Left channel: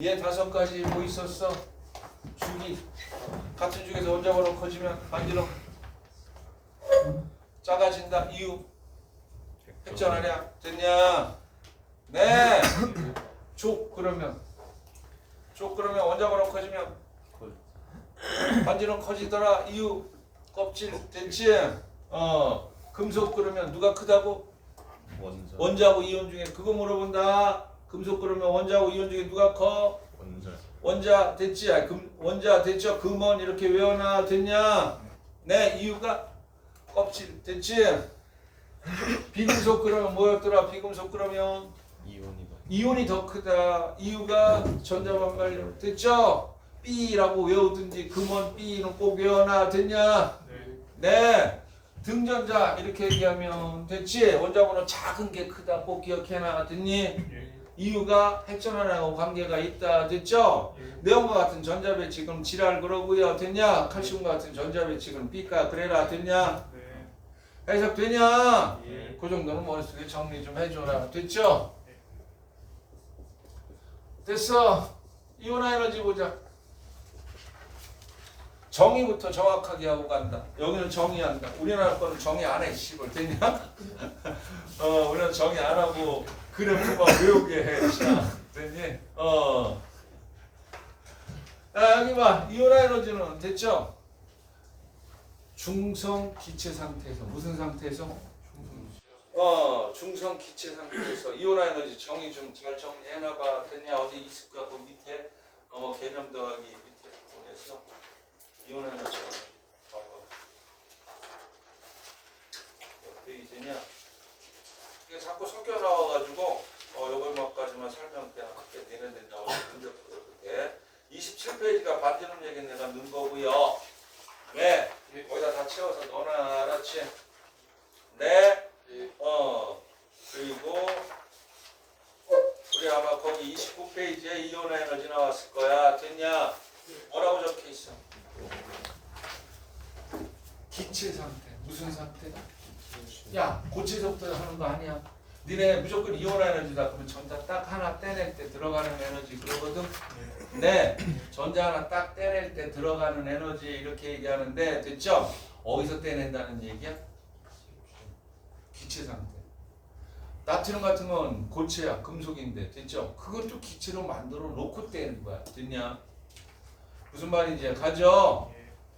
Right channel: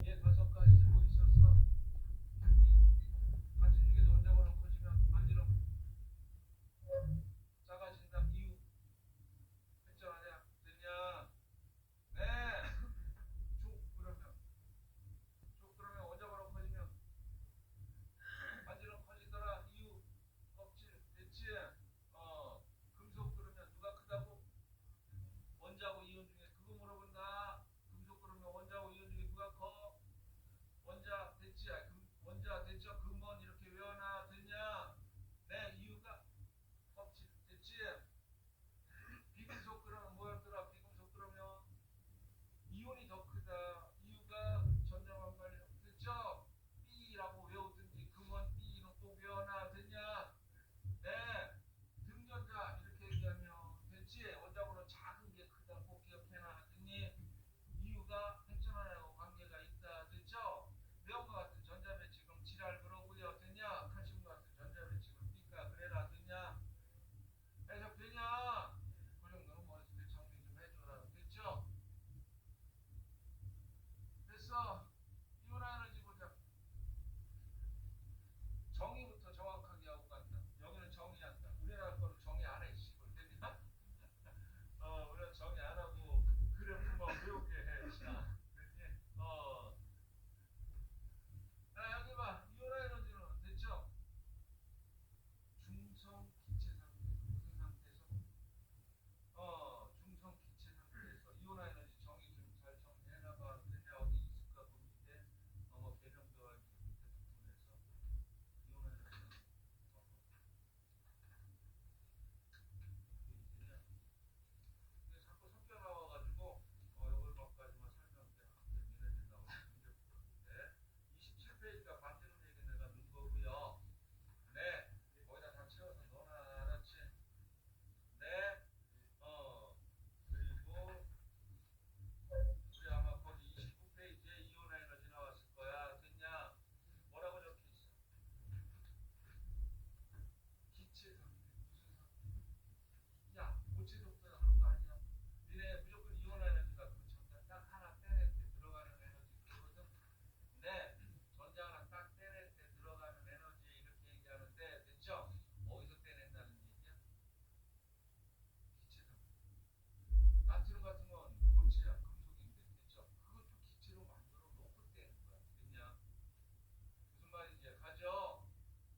얘 5가지 뭐 있었어? 주기. 같은 주기에서 원자번호 커지면 반지름 작아진다. 이유 했잖아. 됐냐? 네. 족 그러면 원자번호 커지면 반지름 커지더라. 이유 껍질 됐지? 금속 그러면 누가 크다고? 원자하고 이온 중에 그거 물어본다. 금속 그러면 원자하고 이온 중에 누가 커? 원자 됐지? 원자 됐죠? 금원 이렇게 외워놔. 됐냐? 네. 이유가 껍질 됐지? 비금속 그러면 뭐였더라? 비금속 그러면 이온이 더 크다. 이유가 전자반발력 됐죠? B라고 외우든지 금원 B는 꼭 외워놔. 됐냐? 네. 등전자 이렇게 얘기하면 됐지? 원자번호 작은 게 크다. 꼭 기억해놔. 됐니? 이유가 핵전환하고 관계가 있다. 됐죠? 네온과 같은 전자 배치 그럼 지랄 그러고요. 됐냐? 칼슘과 같은 전자 배치 그럼 B가 그래라. 됐냐? 해석되냐? 그 정도는 머릿속에 정리 좀 해줘라. 됐죠? 됐어. 이온화 에너지 보자. 정의부터 정확하게 하고 간다. 여기는 정의한다. 우리나라 거는 정의 안 해. 씨발 됐냐? 우리는 정의 안 하고 그래프만 외우게 해. 자, 됐니? 여기 봐. 이온화 에너지는 됐죠? 중성 기체 상태에서 무슨 상태에서? 중성 기체 상태에서 이온화 에너지 정의 좀 잘 정리해놔봐. 됐냐? 어디 있을 거야? 그 밑에 개념 더하기 밑에 보내서 이온화 에너지 봐봐. 몇 페이지냐? 이게 자꾸 섞여 나와가지고 요것만까지만 설명 그냥 크게 내면 된다고 생각해. 27페이지가 반지름 얘기 내가 넣은 거고요. 네. 거기다 다 채워서 넣어놔. 알았지? 네. 그리고 우리 아마 거기 29페이지에 이온화 에너지 나왔을 거야. 됐냐? 뭐라고 적혀 있어? 기체 상태. 무슨 상태다? 야, 고체에서부터 하는 거 아니야? 니네 무조건 이온화 에너지다. 그러면 전자 딱 하나 떼낼 때 들어가는 에너지 그러거든? 네. 전자 하나 딱 떼낼 때 들어가는 에너지 이렇게 얘기하는데 됐죠? 어디서 떼낸다는 얘기야? 기체 상태. 나트륨 같은 건 고체야. 금속인데 됐죠? 그것도 기체로 만들어 놓고 떼는 거야. 됐냐? 무슨 말인지 가죠?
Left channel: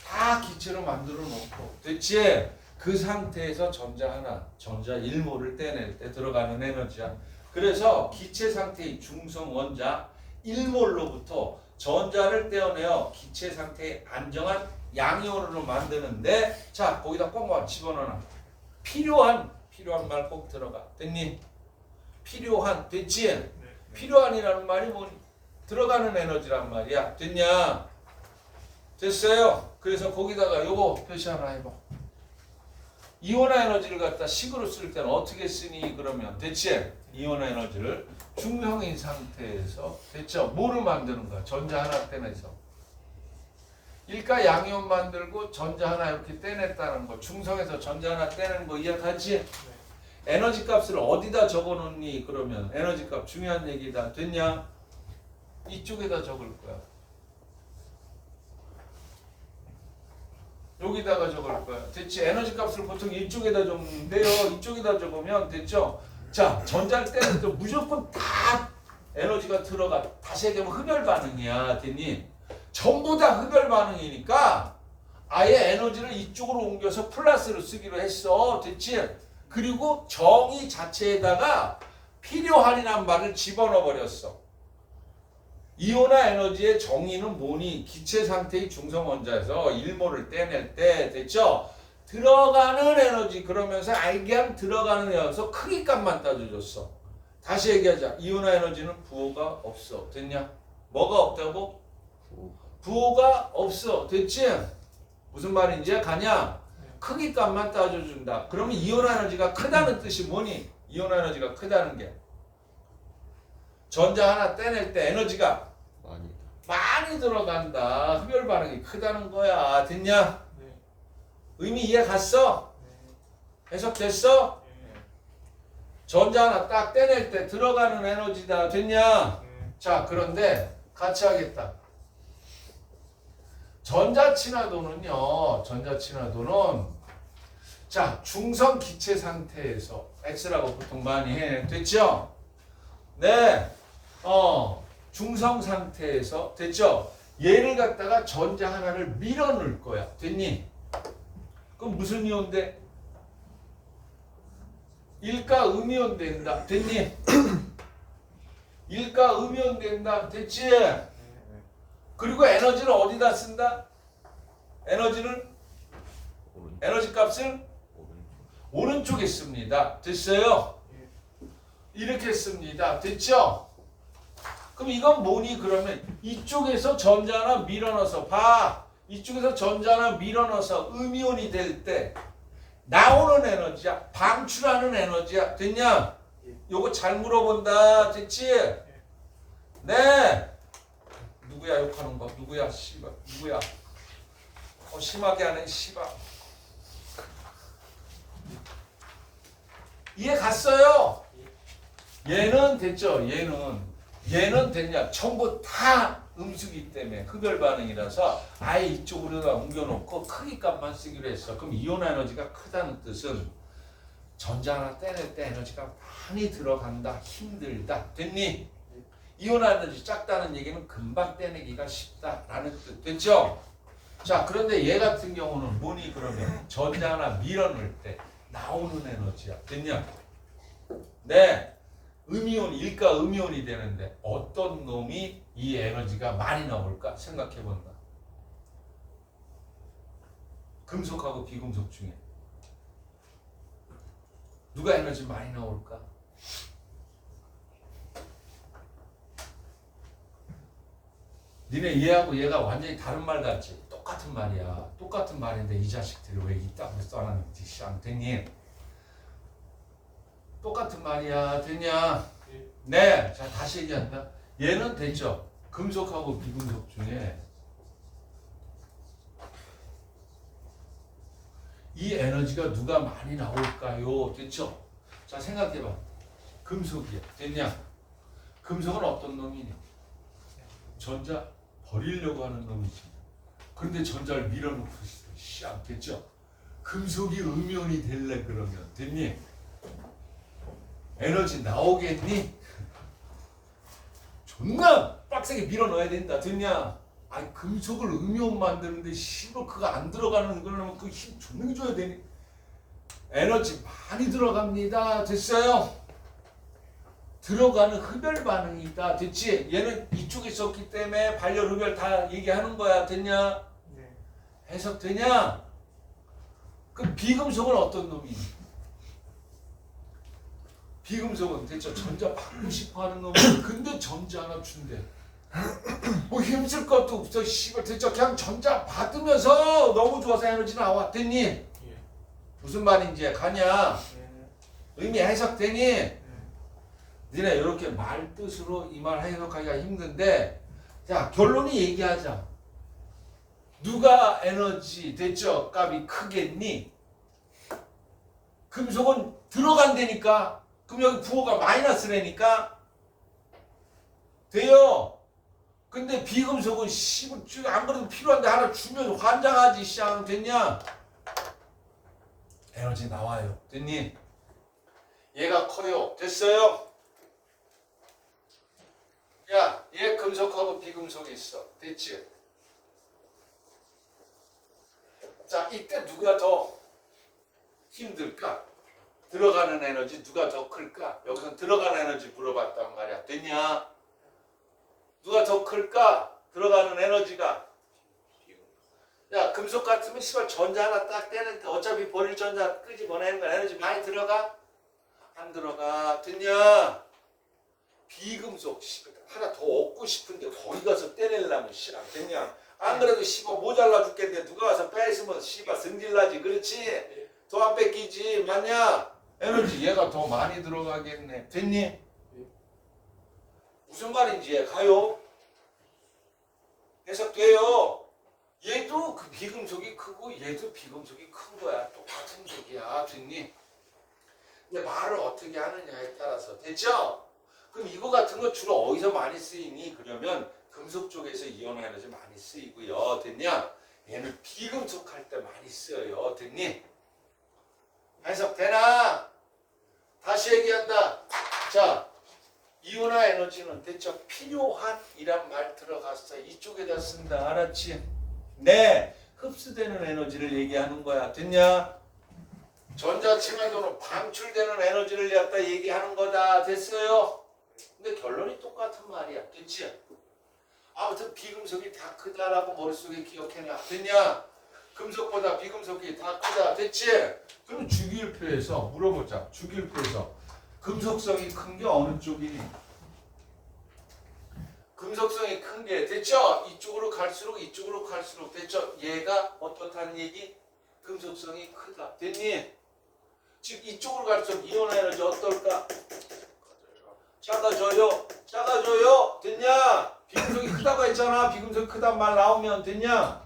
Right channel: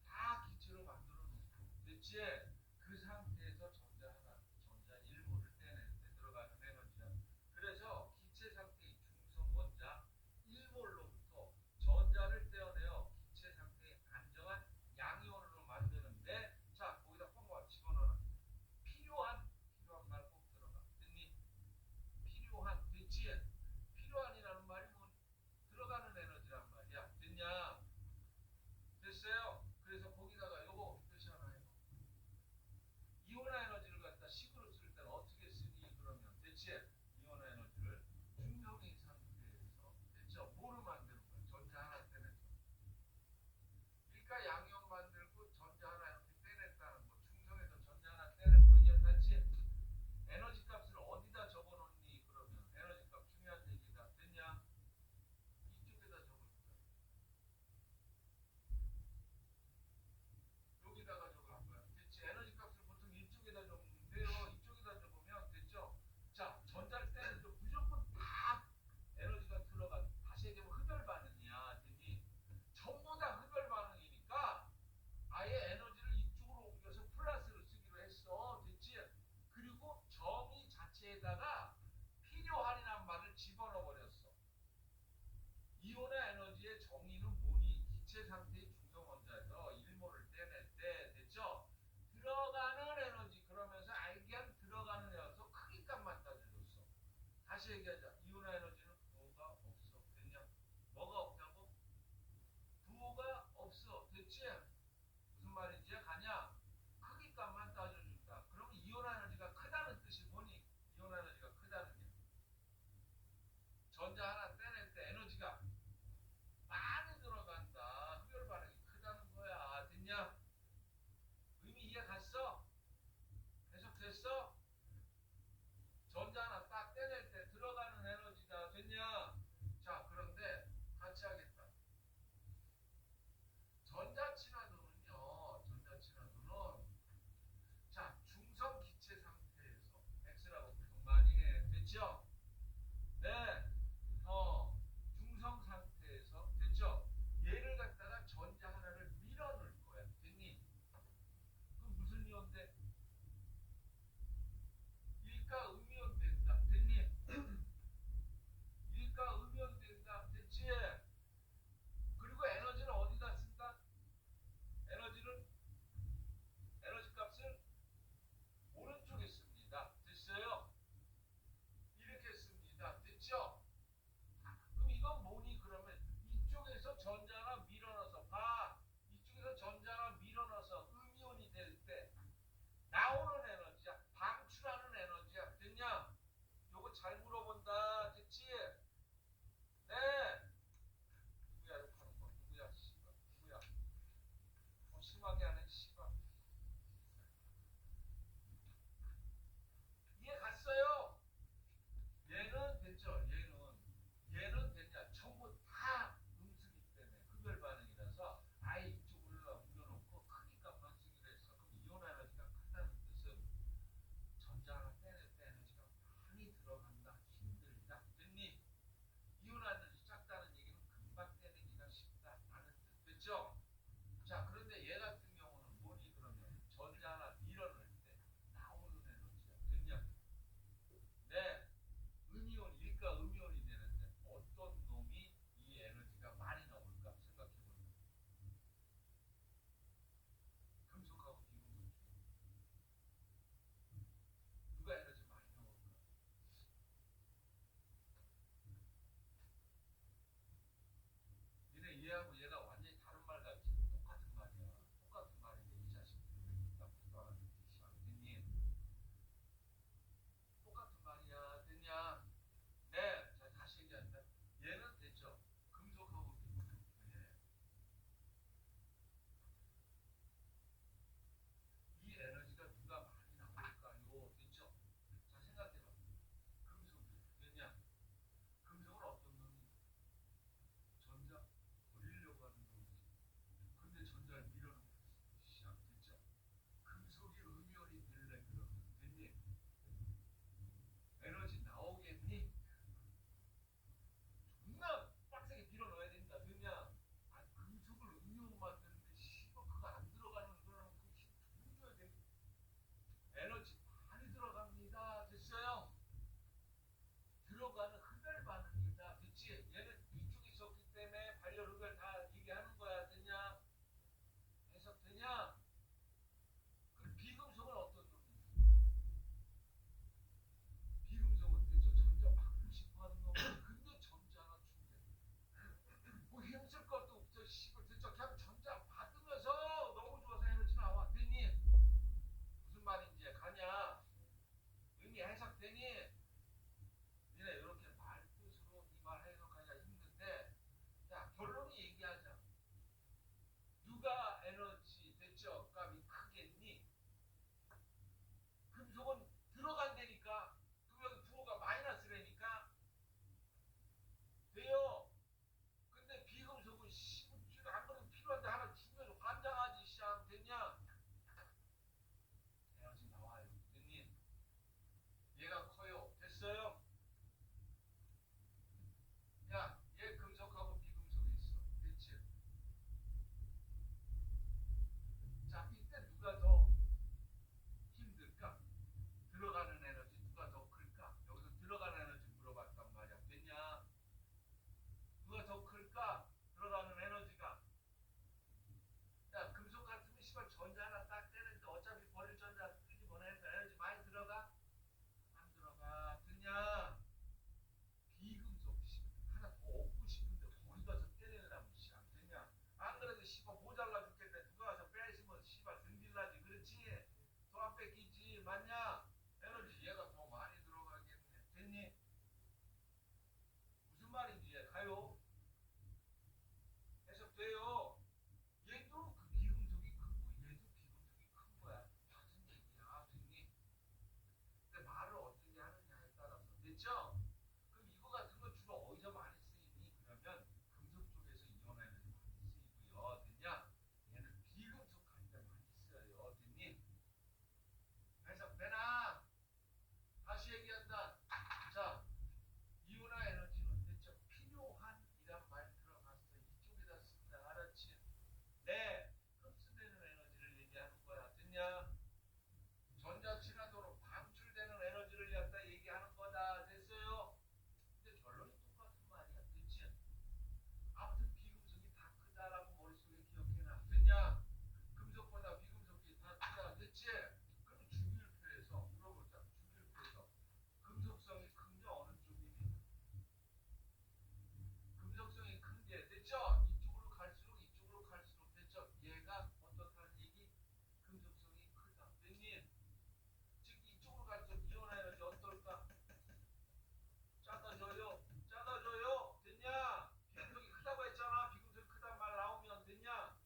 다 기체로 만들어 놓고 됐지? 그 상태에서 전자 하나, 전자 1몰을 떼낼 때 들어가는 에너지야. 그래서 기체 상태의 중성 원자 1몰로부터 전자를 떼어내어 기체 상태의 안정한 양이온으로 만드는데 자, 거기다 꼭 집어넣어. 필요한 말 꼭 들어가. 됐니? 필요한 됐지? 필요한이라는 말이 뭐 들어가는 에너지란 말이야. 됐냐? 됐어요? 그래서 거기다가 요거 표시 하나 해봐. 이온화 에너지를 갖다 식으로 쓸 때는 어떻게 쓰니? 그러면 됐지? 이온화 에너지를 중성인 상태에서 됐죠? 뭐를 만드는 거야? 전자 하나 떼내서 일가 양이온 만들고 전자 하나 이렇게 떼냈다는 거. 중성에서 전자 하나 떼는 거 이해하지? 에너지 값을 어디다 적어놓니? 그러면 에너지 값 중요한 얘기다. 됐냐? 이쪽에다 적을 거야. 여기다가 적을 거야. 됐지? 에너지 값을 보통 이쪽에다 적는데요. 이쪽에다 적으면 됐죠? 자, 전자를 떼는 때 무조건 다 에너지가 들어가. 다시 얘기하면 흡열 반응이야. 됐니? 전부 다 흡열 반응이니까 아예 에너지를 이쪽으로 옮겨서 플러스로 쓰기로 했어. 됐지? 그리고 정의 자체에다가 필요한이란 말을 집어넣어 버렸어. 이온화 에너지의 정의는 뭐니? 기체 상태의 중성 원자에서 1몰을 떼낼 때 됐죠? 들어가는 에너지 그러면서 알게한 들어가는 에너지에서 크기값만 따져줬어. 다시 얘기하자. 이온화 에너지는 부호가 없어. 됐냐? 뭐가 없다고? 부호가 없어. 됐지? 무슨 말인지 가냐? 크기값만 따져준다. 그러면 이온화 에너지가 크다는 뜻이 뭐니? 이온화 에너지가 크다는 게 전자 하나 떼낼 때 에너지가 많이 들어간다. 흡열 반응이 크다는 거야. 됐냐? 의미 이해 갔어? 해석됐어? 전자 하나 딱 떼낼 때 들어가는 에너지다. 됐냐? 자, 그런데 같이 하겠다. 전자친화도는요. 전자친화도는 자 중성 기체 상태에서 X라고 보통 많이 해. 됐죠? 네. 중성 상태에서 됐죠? 얘를 갖다가 전자 하나를 밀어 넣을 거야. 됐니? 그럼 무슨 이온 돼? 일가 음이온 된다. 됐니? 일가 음이온 된다. 됐지? 그리고 에너지를 어디다 쓴다? 에너지는 에너지 값을 오른쪽에 씁니다. 됐어요? 이렇게 씁니다. 됐죠? 그럼 이건 뭐니? 그러면 이쪽에서 전자 하나 밀어넣어서 봐. 이쪽에서 전자 하나 밀어넣어서 음이온이 될 때 나오는 에너지야. 방출하는 에너지야. 됐냐? 요거 잘 물어본다. 됐지? 네. 누구야 욕하는 거? 누구야? 씨발. 누구야? 심하게 하는 씨발. 이해 갔어요? 얘는 됐죠? 얘는 됐냐? 전부 다 음수기 때문에 흡열 반응이라서 아예 이쪽으로다 옮겨놓고 크기값만 쓰기로 했어. 그럼 이온 에너지가 크다는 뜻은 전자 하나 떼낼 때 에너지가 많이 들어간다. 힘들다. 됐니? 이온 에너지 작다는 얘기는 금방 떼내기가 쉽다라는 뜻. 됐죠? 자, 그런데 얘 같은 경우는 뭐니 그러면 전자 하나 밀어넣을 때 나오는 에너지야. 됐냐? 네. 음이온, 일가 음이온이 되는데 어떤 놈이 이 에너지가 많이 나올까 생각해 본다. 금속하고 비금속 중에 누가 에너지 많이 나올까? 니네 얘하고 얘가 완전히 다른 말 같지? 똑같은 말이야. 똑같은 말인데 이 자식들이 왜 이따구로 써놨는지 쌍 됐니? 똑같은 말이야. 됐냐? 네. 자, 다시 얘기한다. 얘는 됐죠? 금속하고 비금속 중에 이 에너지가 누가 많이 나올까요? 됐죠? 자, 생각해봐. 금속이야. 됐냐? 금속은 어떤 놈이냐? 전자 버리려고 하는 놈이지. 그런데 전자를 밀어놓고 있어. 씨, 됐죠? 금속이 음이온이 될래 그러면 됐니? 에너지 나오겠니? 존나 빡세게 밀어넣어야 된다. 됐냐? 아니 금속을 음이온 만드는데 씨발 그거 안 들어가는 거는 그 힘 존나 줘야 되니? 에너지 많이 들어갑니다. 됐어요? 들어가는 흡열 반응이다. 됐지? 얘는 이쪽에 있었기 때문에 발열 흡열 다 얘기하는 거야. 됐냐? 네. 해석되냐? 그럼 비금속은 어떤 놈이니? 비금속은 됐죠? 전자 받고 싶어 하는 놈이 근데 전자 하나 준대. 뭐 힘쓸 것도 없어. 씨발 됐죠? 그냥 전자 받으면서 너무 좋아서 에너지 나와. 됐니? 예. 무슨 말인지 가냐? 예. 의미 해석되니? 니네 이렇게 말 뜻으로 이 말 해석하기가 힘든데 자 결론이 얘기하자. 누가 에너지 됐죠? 값이 크겠니? 금속은 들어간다니까. 그럼 여기 부호가 마이너스라니까 돼요. 근데 비금속은 안 그래도 필요한데 하나 주면 환장하지. 쌍 됐냐? 에너지 나와요. 됐니? 얘가 커요. 됐어요? 야, 얘 금속하고 비금속이 있어. 됐지? 자, 이때 누가 더 힘들까? 들어가는 에너지 누가 더 클까? 여기서 들어가는 에너지 물어봤단 말이야. 됐냐? 누가 더 클까? 들어가는 에너지가. 야, 금속 같으면 씨발 전자 하나 딱 떼는데 어차피 버릴 전자 끄집어내는 거야. 에너지 많이 들어가? 안 들어가. 됐냐? 비금속 씨발 하나 더 얻고 싶은데 거기 가서 떼내려면 씨발 됐냐? 안 그래도 씨발 모자라 죽겠는데 누가 와서 뺏으면 씨발 승질나지. 그렇지? 더 안 뺏기지. 맞냐? 에너지 얘가 더 많이 들어가겠네. 됐니? 무슨 말인지 얘 가요? 해석돼요? 얘도 그 비금속이 크고 얘도 비금속이 큰 거야. 똑같은 얘기야. 됐니? 근데 말을 어떻게 하느냐에 따라서. 됐죠? 그럼 이거 같은 거 주로 어디서 많이 쓰이니? 그러면 금속 쪽에서 이온화 에너지 많이 쓰이고요. 됐냐? 얘는 비금속 할 때 많이 쓰여요. 됐니? 해석되나? 다시 얘기한다. 자, 이온화 에너지는 됐죠? 필요한 이란 말 들어갔어. 이쪽에다 쓴다. 알았지? 네. 흡수되는 에너지를 얘기하는 거야. 됐냐? 전자친화도는 방출되는 에너지를 갖다 얘기하는 거다. 됐어요? 근데 결론이 똑같은 말이야. 됐지? 아무튼 비금속이 다 크다라고 머릿속에 기억해놔. 됐냐? 금속보다 비금속이 다 크다. 됐지? 그럼 주기율표에서 물어보자. 주기율표에서 금속성이 큰 게 어느 쪽이니? 금속성이 큰 게 됐죠? 이쪽으로 갈수록 됐죠? 얘가 어떻다는 얘기? 금속성이 크다. 됐니? 즉 이쪽으로 갈수록 이온화 에너지 어떨까? 작아져요. 작아져요. 됐냐? 비금속이 크다고 했잖아. 비금속이 크단 말 나오면 됐냐?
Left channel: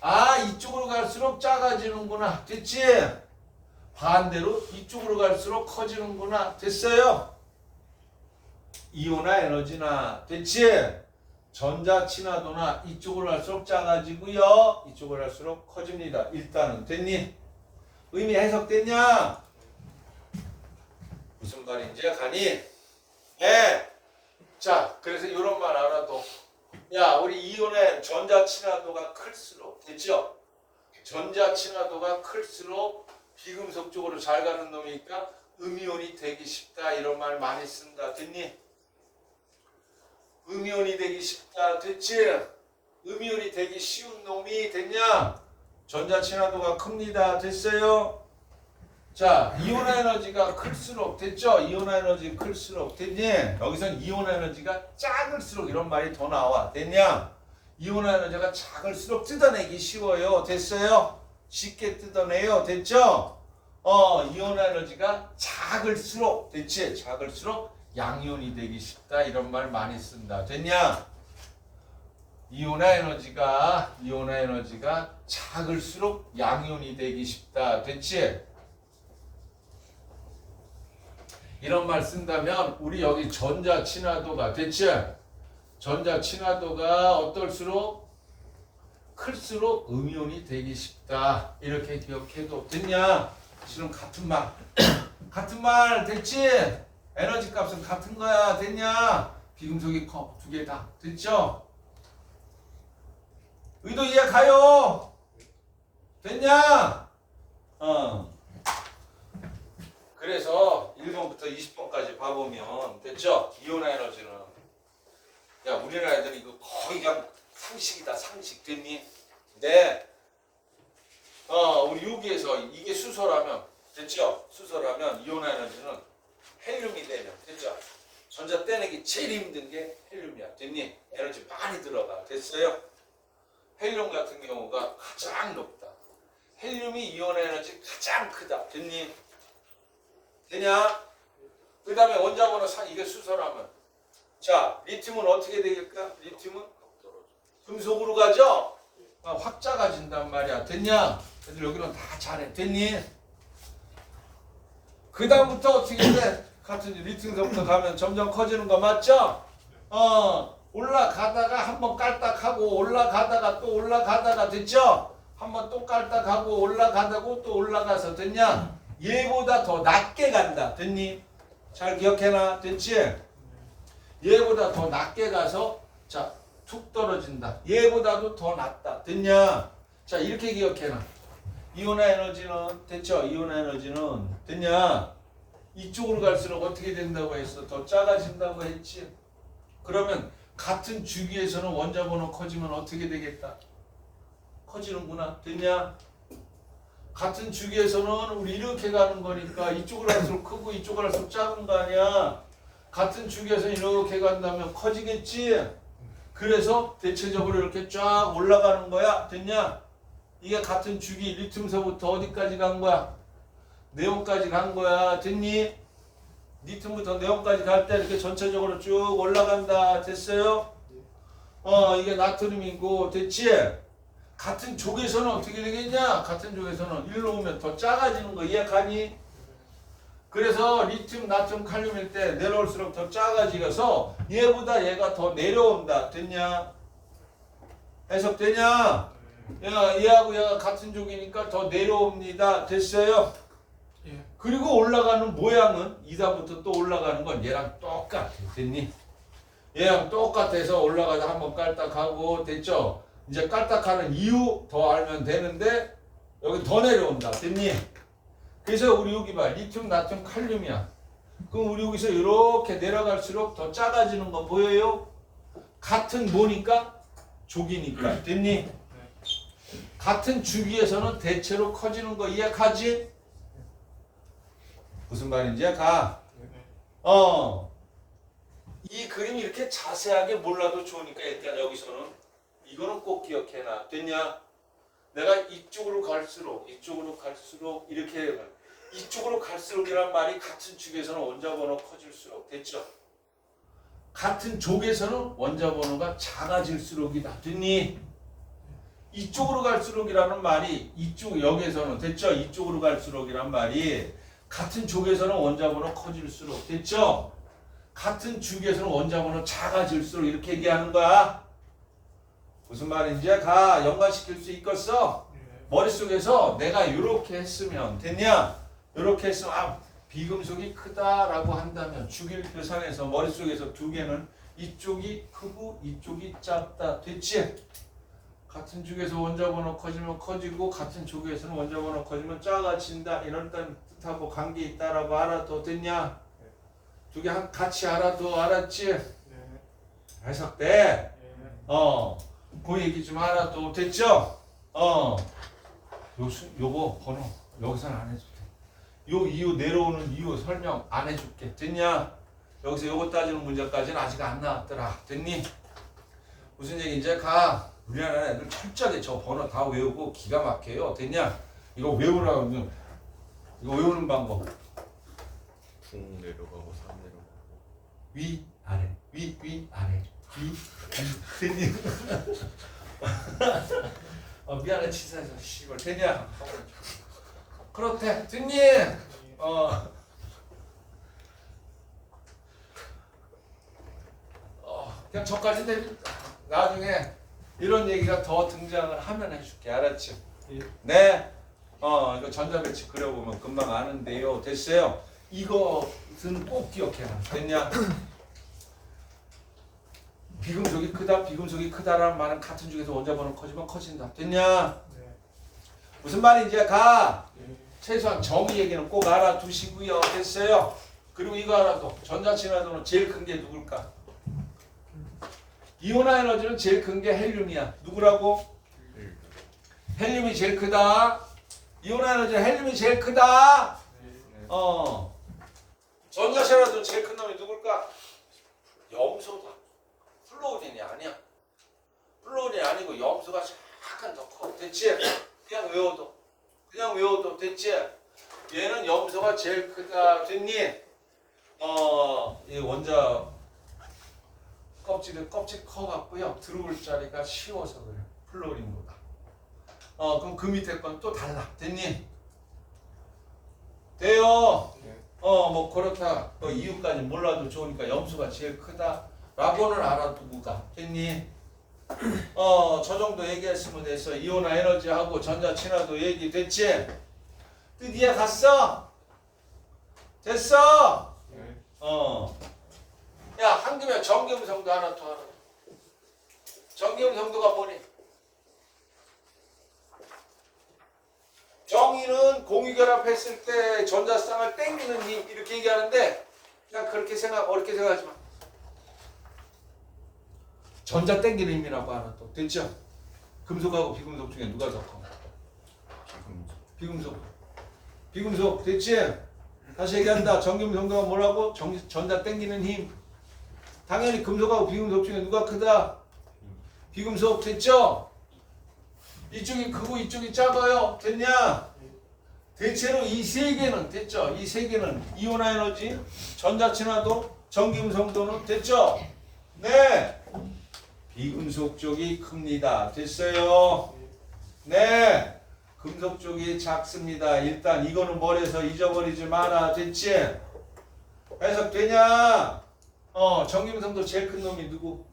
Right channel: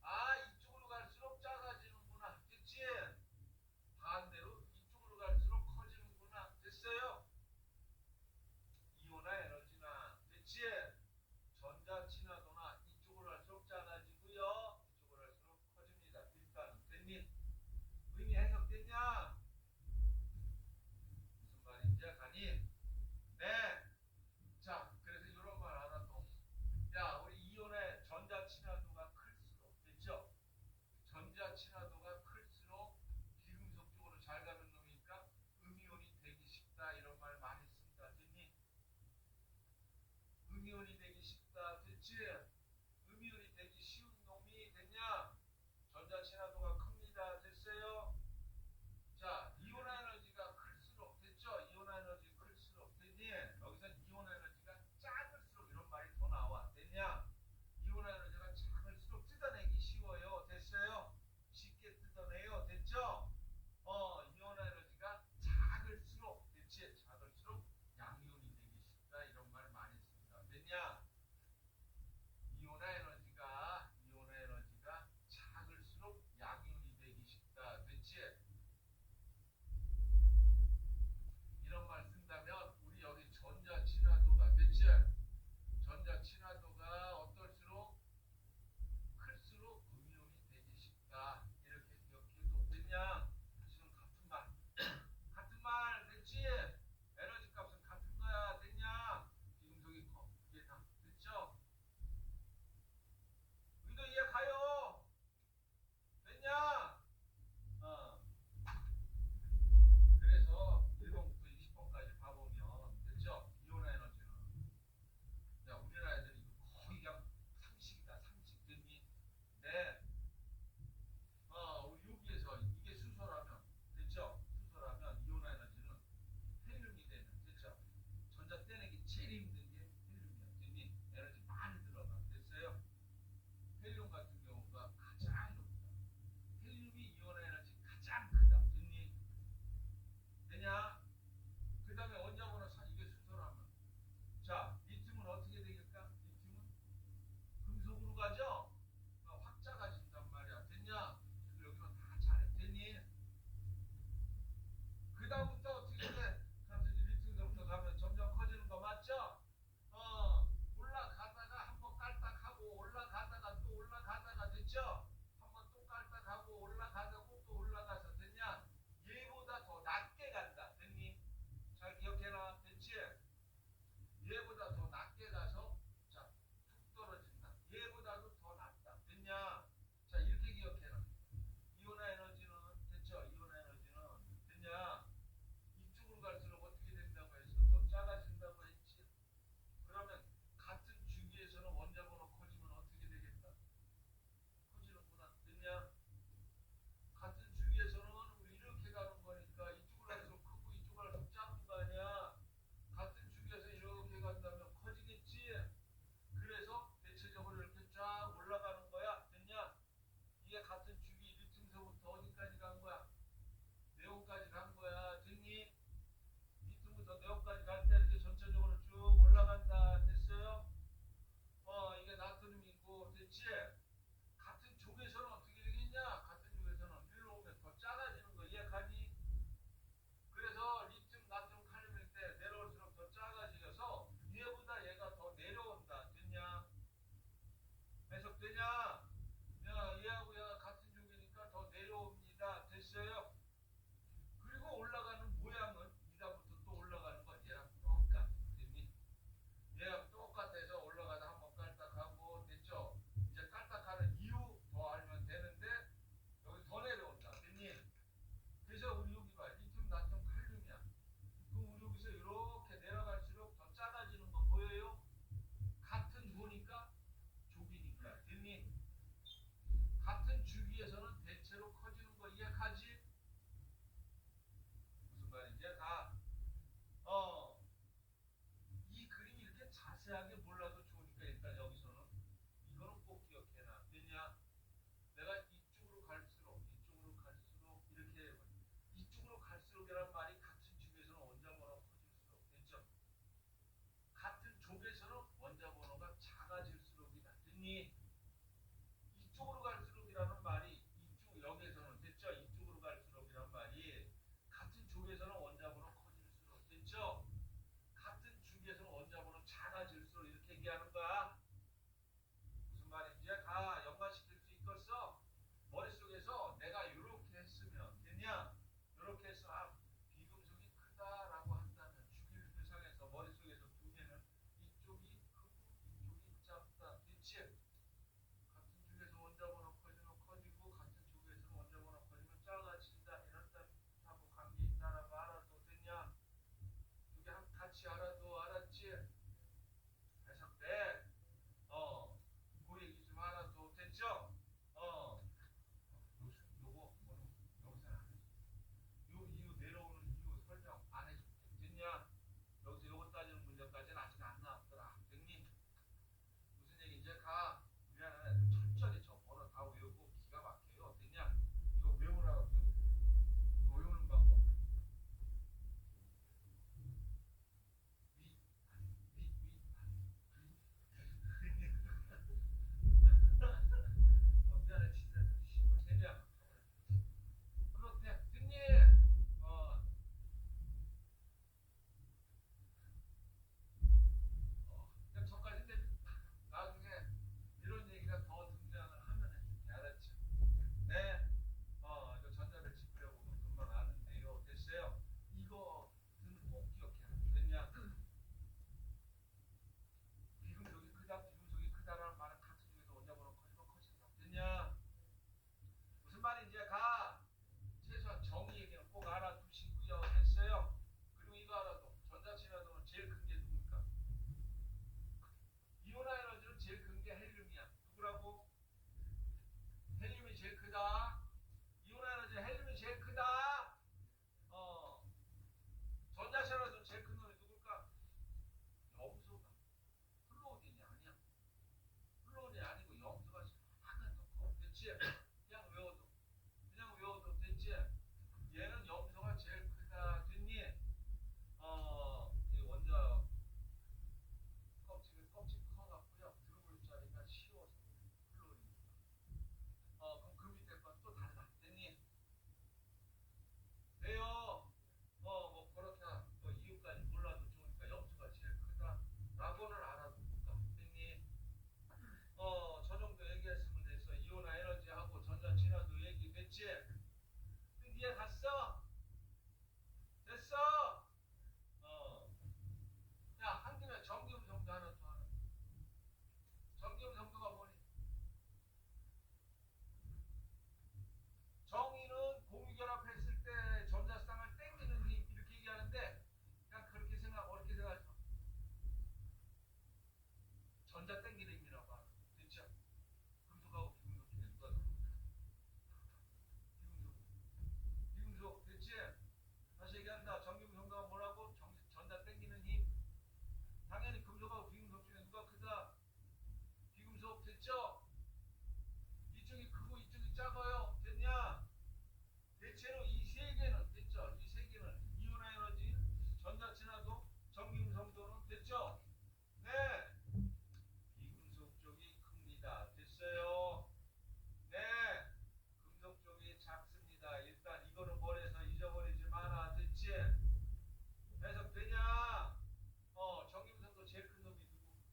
아, 이쪽으로 갈수록 작아지는구나. 됐지? 반대로 이쪽으로 갈수록 커지는구나. 됐어요? 이온화 에너지나 됐지? 전자 친화도나 이쪽으로 갈수록 작아지고요. 이쪽으로 갈수록 커집니다. 일단은 됐니? 의미 해석됐냐? 무슨 말인지 가니? 네. 자, 그래서 이런 말 알아도 야, 우리 이온의 전자 친화도가 클수록 됐죠? 전자 친화도가 클수록 비금속 쪽으로 잘 가는 놈이니까 음이온이 되기 쉽다. 이런 말 많이 쓴다. 됐니? 음이온이 되기 쉽다. 됐지? 음이온이 되기 쉬운 놈이 됐냐? 전자 친화도가 큽니다. 됐어요? 자, 이온화 에너지가 클수록 됐죠? 이온화 에너지 클수록 됐니? 여기선 이온화 에너지가 작을수록 이런 말이 더 나와. 됐냐? 이온화 에너지가 작을수록 뜯어내기 쉬워요. 됐어요? 쉽게 뜯어내요. 됐죠? 이온화 에너지가 작을수록 됐지? 작을수록 양이온이 되기 쉽다. 이런 말 많이 쓴다. 됐냐? 이온화 에너지가 작을수록 양이온이 되기 쉽다. 됐지? 이런 말 쓴다면 우리 여기 전자 친화도가 됐지? 전자 친화도가 어떨수록 클수록 음이온이 되기 쉽다. 이렇게 기억해도 됐냐? 지금 같은 말 같은 말 됐지? 에너지 값은 같은 거야. 됐냐? 비금속이 커. 두 개 다. 됐죠? 의도 이해 가요? 됐냐? 그래서 1번부터 20번까지 봐보면 됐죠? 이온화 에너지는 야, 우리나라 애들이 이거 거의 그냥 상식이다. 상식. 됐니? 네. 우리 여기에서 이게 수소라면 됐죠? 수소라면 이온화 에너지는 헬륨이 되면 됐죠? 전자 떼내기 제일 힘든 게 헬륨이야. 됐니? 에너지 많이 들어가. 됐어요? 헬륨 같은 경우가 가장 높다. 헬륨이 이온화 에너지 가장 크다. 됐니? 되냐? 그 다음에 원자번호 4, 이게 수소라면 자, 리튬은 어떻게 되겠까? 리튬은 금속으로 가죠? 확 작아진단 말이야. 됐냐? 애들 여기는 다 잘해. 됐니? 그 다음부터 어떻게 돼? 같은 리튬서부터 가면 점점 커지는 거 맞죠? 올라가다가 한번 깔딱하고 올라가다가 또 올라가다가 됐죠? 한번 또 깔딱하고 올라가다고 또 올라가서 됐냐? 얘보다 더 낮게 간다. 됐니? 잘 기억해놔. 됐지? 얘보다 더 낮게 가서 자, 툭 떨어진다. 얘보다도 더 낮다. 됐냐? 자, 이렇게 기억해놔. 이온화 에너지는 됐죠? 이온화 에너지는 됐냐? 이쪽으로 갈수록 어떻게 된다고 했어? 더 작아진다고 했지? 그러면 같은 주기에서는 원자번호 커지면 어떻게 되겠다? 커지는구나. 됐냐? 같은 주기에서는 우리 이렇게 가는 거니까 이쪽으로 갈수록 크고 이쪽으로 갈수록 작은 거 아니야? 같은 주기에서 이렇게 간다면 커지겠지? 그래서 대체적으로 이렇게 쫙 올라가는 거야. 됐냐? 이게 같은 주기 리튬서부터 어디까지 간 거야? 네온까지 간 거야. 됐니? 리튬부터 네온까지 갈 때 이렇게 전체적으로 쭉 올라간다. 됐어요? 이게 나트륨이고 됐지? 같은 족에서는 어떻게 되겠냐? 같은 족에서는 일로 오면 더 작아지는 거 이해하니? 그래서 리튬, 나트륨, 칼륨일 때 내려올수록 더 작아지면서 얘보다 얘가 더 내려온다. 됐냐? 해석되냐? 야, 얘하고 얘가 같은 족이니까 더 내려옵니다. 됐어요? 예. 그리고 올라가는 모양은 2단부터 또 올라가는 건 얘랑 똑같아. 됐니? 얘랑 똑같아서 올라가다 한번 깔딱하고 됐죠? 이제 깔딱하는 이유 더 알면 되는데 여기 더 내려온다. 됐니? 그래서 우리 여기 봐. 리튬, 나트륨, 칼륨이야. 그럼 우리 여기서 이렇게 내려갈수록 더 작아지는 거 보여요? 같은 뭐니까? 족이니까. 됐니? 같은 주기에서는 대체로 커지는 거 이해가지? 무슨 말인지 가. 이 그림이 이렇게 자세하게 몰라도 좋으니까 일단 여기서는 이거는 꼭 기억해놔. 됐냐? 내가 이쪽으로 갈수록 이렇게 이쪽으로 갈수록이란 말이 같은 축에서는 원자번호 커질수록 됐죠? 같은 족에서는 원자번호가 작아질수록이다. 됐니? 이쪽으로 갈수록이라는 말이 이쪽 여기에서는 됐죠? 이쪽으로 갈수록이란 말이 같은 족에서는 원자번호 커질수록 됐죠? 같은 축에서는 원자번호 작아질수록 이렇게 얘기하는 거야. 무슨 말인지 가 연관시킬 수 있겠어? 머릿속에서 내가 이렇게 했으면 됐냐? 이렇게 했으면 비금속이 크다라고 한다면 주기율표상에서 머릿속에서 두 개는 이쪽이 크고 이쪽이 작다. 됐지? 같은 쪽에서 원자번호 커지면 커지고 같은 쪽에서는 원자번호 커지면 작아진다. 이런 뜻하고 관계 있다라고 알아도 됐냐? 두 개 같이 알아도 알았지? 해석돼? 그 얘기 좀 알아도 됐죠? 요거 번호 여기서는 안 해줄게. 요 이유 내려오는 이유 설명 안 해줄게. 됐냐? 여기서 요거 따지는 문제까지는 아직 안 나왔더라. 됐니? 무슨 얘기인지 가. 우리나라 애들 철저하게 저 번호 다 외우고 기가 막혀요. 됐냐? 이거 외우라고. 이거 외우는 방법. 붕 내려가고 산 내려가고 위 아래 위 아래 위 됐니? 미안해 치사해서 씨발 됐냐? 그렇대 됐니? 그냥 저까지 내 나중에 이런 얘기가 더 등장을 하면 해줄게. 알았지? 네. 이거 전자배치 그려보면 금방 아는데요. 됐어요? 이것은 꼭 기억해놔. 됐냐? 비금속이 크다, 비금속이 크다라는 말은 같은 중에서 원자번호 커지면 커진다. 됐냐? 무슨 말인지 가. 최소한 정의 얘기는 꼭 알아두시고요. 됐어요? 그리고 이거 알아도 전자친화도는 제일 큰 게 누굴까? 이온화 에너지는 제일 큰 게 헬륨이야. 누구라고? 헬륨이 제일 크다. 이온화 에너지는 헬륨이 제일 크다. 전자친화도 제일 큰 놈이 누굴까? 염소다. 플루오린이 아니야. 플루오린이 아니고 염소가 약간 더 커. 됐지? 그냥 외워도 됐지? 얘는 염소가 제일 크다. 됐니? 이 원자 껍질 커갖고요. 들어올 자리가 쉬워서 그래. 플루오린보다. 그럼 그 밑에 건 또 달라. 됐니? 돼요. 뭐 그렇다. 이유까지 몰라도 좋으니까 염소가 제일 크다라고는 알아두고 가. 됐니? 저 정도 얘기했으면 됐어. 이온화 에너지하고 전자 친화도 얘기 됐지? 뜻 이해 갔어? 됐어? 야, 한김에 정기음성도 하나 더 알아. 정기음성도가 뭐니? 정의는 공유결합했을 때 전자쌍을 땡기는 힘 이렇게 얘기하는데 그냥 그렇게 어렵게 생각하지 마. 전자 땡기는 힘이라고 하나 또 됐죠? 금속하고 비금속 중에 누가 더 커? 비금속 됐지? 다시 얘기한다. 전기음성도가 뭐라고? 전자 땡기는 힘. 당연히 금속하고 비금속 중에 누가 크다? 비금속 됐죠? 이쪽이 크고 이쪽이 작아요. 됐냐? 대체로 이 세 개는 됐죠? 이 세 개는 이온화 에너지, 전자 친화도, 전기음성도는 됐죠? 네. 비금속 쪽이 큽니다. 됐어요? 네. 금속 쪽이 작습니다. 일단 이거는 머리에서 잊어버리지 마라. 됐지? 해석되냐? 전기음성도 제일 큰 놈이 누구?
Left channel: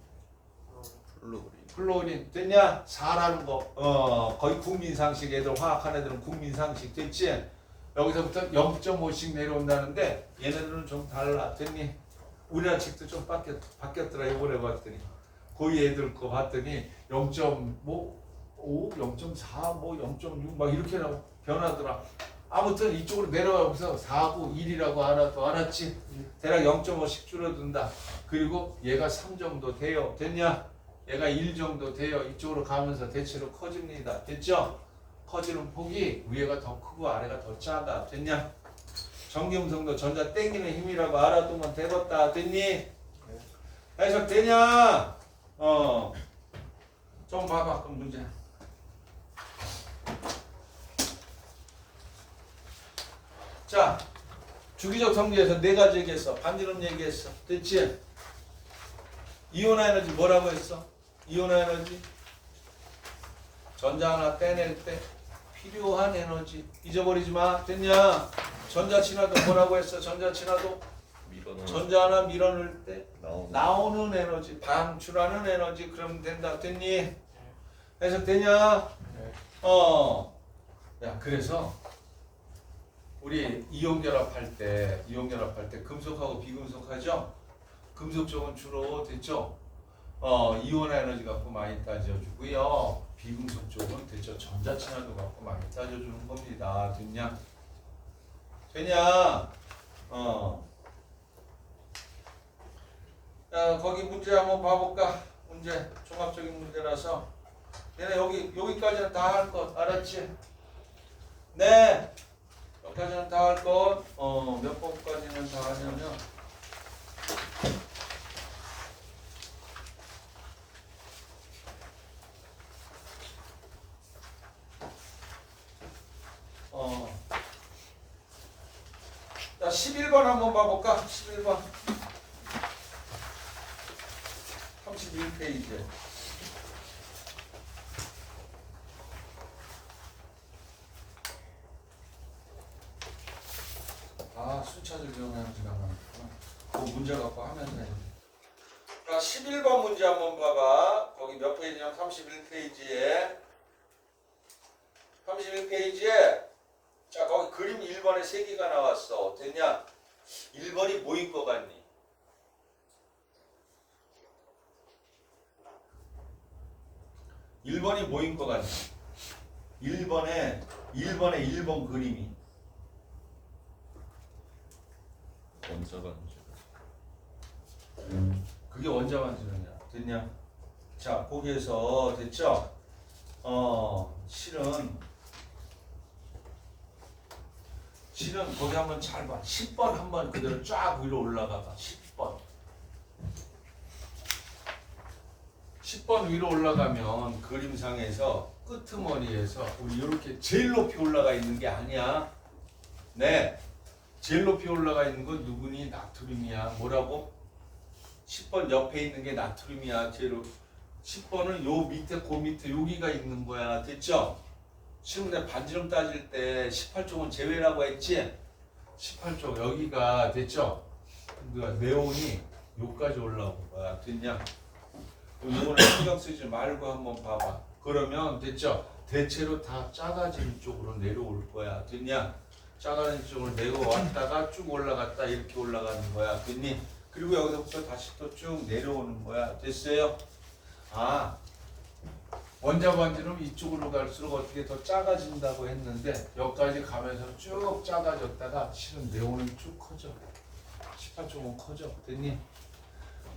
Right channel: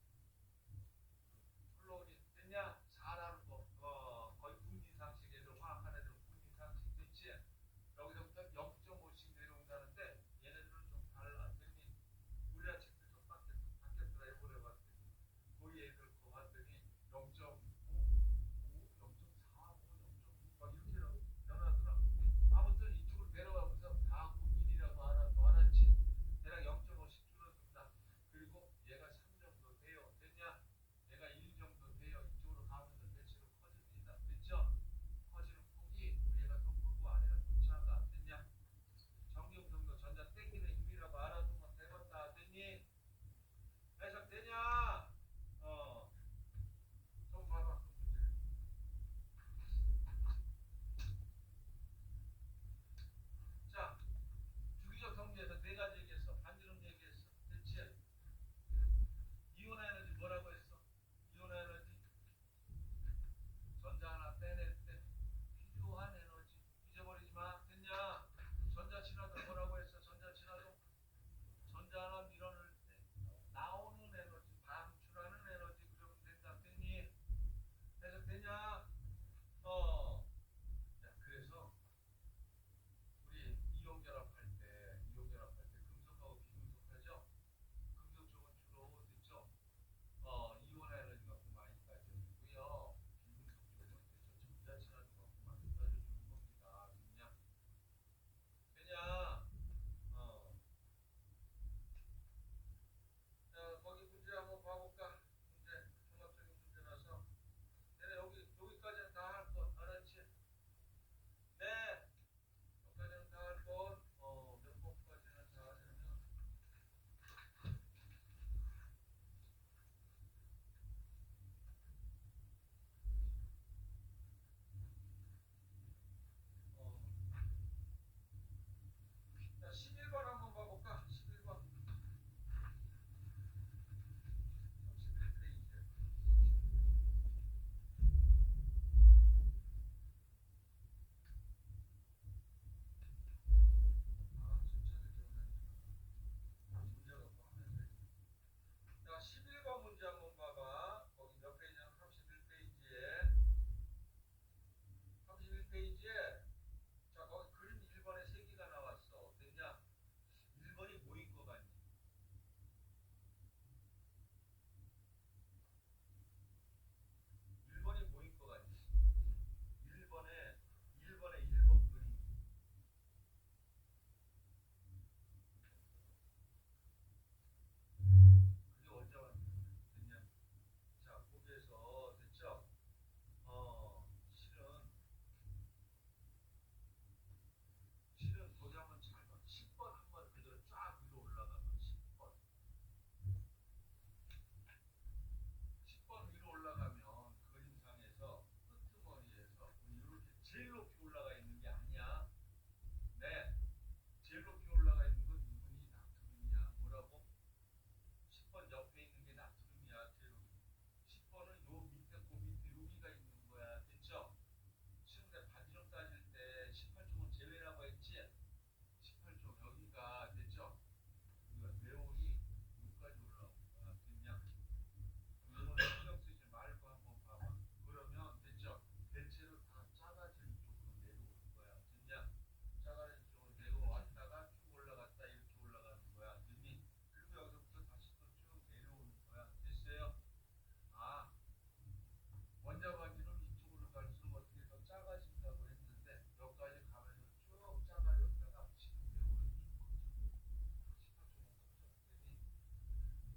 플루오린 플로린 됐냐? 4라는 거 거의 국민상식 애들 화학한 애들은 국민상식 됐지? 여기서부터 0.5씩 내려온다는데 얘네들은 좀 달라 됐니? 우리나라 책도 좀 바뀌었더라 이번에 봤더니 거의 애들 거 봤더니 0.5, 0.4, 뭐 0.6 막 이렇게 변하더라. 아무튼 이쪽으로 내려가면서 4구 1이라고 알아도 알았지? 대략 0.5씩 줄어든다. 그리고 얘가 3 정도 돼요. 됐냐? 얘가 1 정도 돼요. 이쪽으로 가면서 대체로 커집니다. 됐죠? 커지는 폭이 위에가 더 크고 아래가 더 작아. 됐냐? 전기음성도 전자 땡기는 힘이라고 알아두면 되겠다. 됐니? 해석 되냐? 좀 봐봐. 그럼 문제. 자, 주기적 성질에서 4가지 얘기했어. 반지름 얘기했어. 됐지? 이온화 에너지 뭐라고 했어? 이온화 에너지 전자 하나 떼낼 때 필요한 에너지 잊어버리지 마. 됐냐? 전자 친화도 뭐라고 했어? 전자 친화도 전자 하나 밀어넣을 때 나오는 에너지, 방출하는 에너지 그러면 된다. 됐니? 해석되냐? 야, 그래서 우리 이온결합할 때 금속하고 비금속하죠? 금속 쪽은 주로 됐죠? 이온화 에너지 갖고 많이 따져주고요. 비금속 쪽은 됐죠? 전자 친화도 갖고 많이 따져주는 겁니다. 됐냐? 되냐? 자, 거기 문제 한번 봐볼까? 문제 종합적인 문제라서 얘네 여기까지는 다 할 것 알았지? 네. 여기까지는 다 할 것. 몇 번까지는 다 하냐면 자, 11번 한번 봐볼까? 11번 31페이지. 순차적 변화는 지나가는그 문제 갖고 하면 돼. 자, 11번 문제 한번 봐봐. 거기 몇 페이지냐면 31페이지에. 31페이지에 자, 거기 그림 1번에 3개가 나왔어. 됐냐? 1번이 뭐인 것 같니? 1번이 뭐인 것 같니? 1번에 1번 그림이 원자 반지. 그게 원자 반지름이야. 됐냐? 자, 거기에서 됐죠? 실은 거기 한번 잘 봐. 10번 한번 그대로 쫙 위로 올라가 봐. 10번 위로 올라가면 그림상에서 끄트머리에서 우리 이렇게 제일 높이 올라가 있는 게 아니야. 네. 제일 높이 올라가 있는 건 누구니? 나트륨이야. 뭐라고? 10번 옆에 있는 게 나트륨이야. 제로 10번은 요 밑에 그 밑에 여기가 있는 거야. 됐죠? 지금 내 반지름 따질 때 18쪽은 제외라고 했지? 18쪽 여기가 됐죠? 네온이 여기까지 올라온 거야. 됐냐? 이거는 신경 쓰지 말고 한번 봐봐. 그러면 됐죠? 대체로 다 작아지는 쪽으로 내려올 거야. 됐냐? 작아지는 쪽으로 내려왔다가 쭉 올라갔다 이렇게 올라가는 거야. 됐니? 그리고 여기서부터 다시 또 쭉 내려오는 거야. 됐어요? 원자 반지름 이쪽으로 갈수록 어떻게 더 작아진다고 했는데 여기까지 가면서 쭉 작아졌다가 실은 네온은 쭉 커져. 18쪽은 커져. 됐니?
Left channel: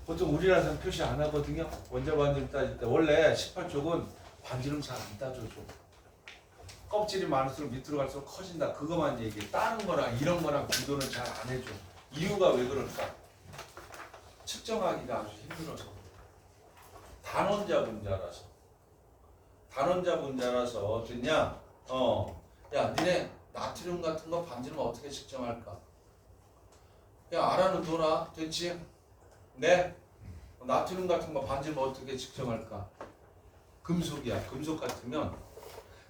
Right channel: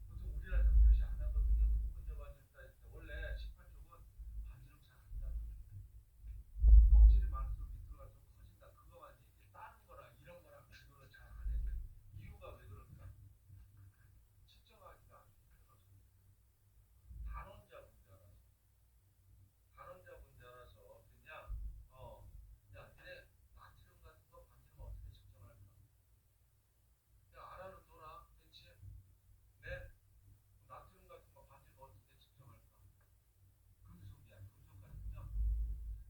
보통 우리나라에서는 표시 안 하거든요. 원자 반지름 따질 때 원래 18쪽은 반지름 잘 안 따져줘. 껍질이 많을수록 밑으로 갈수록 커진다. 그거만 얘기해. 다른 거랑 이런 거랑 비교는 잘 안 해줘. 이유가 왜 그럴까? 측정하기가 아주 힘들어서. 단원자 분자라서 됐냐? 야, 니네 나트륨 같은 거 반지름 어떻게 측정할까? 야, 알아는 둬라. 됐지? 네? 나트륨 같은 거 반지름 어떻게 측정할까? 금속이야. 금속 같으면